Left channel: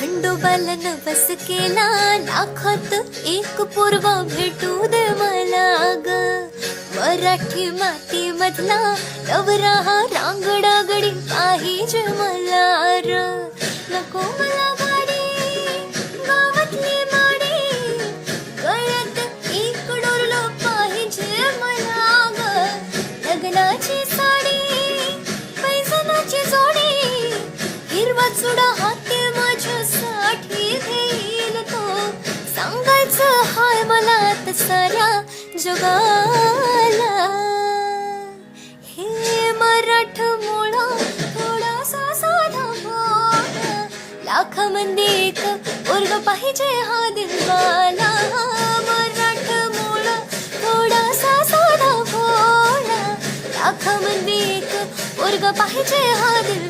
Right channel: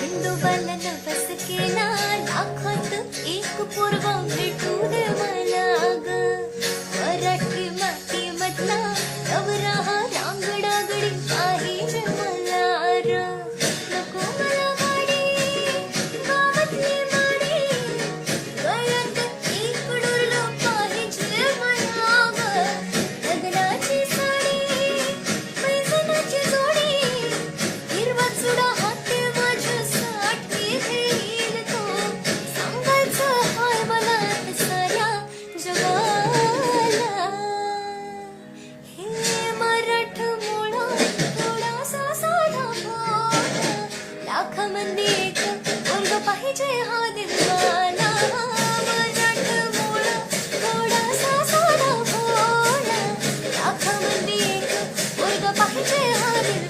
खंडोबाला नवस केला लाखात एक पूर्व भेटू दे मला ग. मराठी माती मधला नवरा हा रांगडा गडी पाहिजे मला र. नको मला गाडी गावातली माडी गळ्यात एक डोरलं पाहिजे मला ग. लग्नाची साडी पैजणाची जोडी हिरवा चुडा हाती माझ्यासाठी घेईल तो. सांगायचं हाय मला आता साऱ्या जगाला. हे मराठमोळा थोडासा साधा भोळा लाखामध्ये एक पोरगा पाहिजे हा दिलवाला. मराठमोळा थोडासा साधा भोळा लाखामध्ये एक पोरगा पाहिजे हा दिलवाला.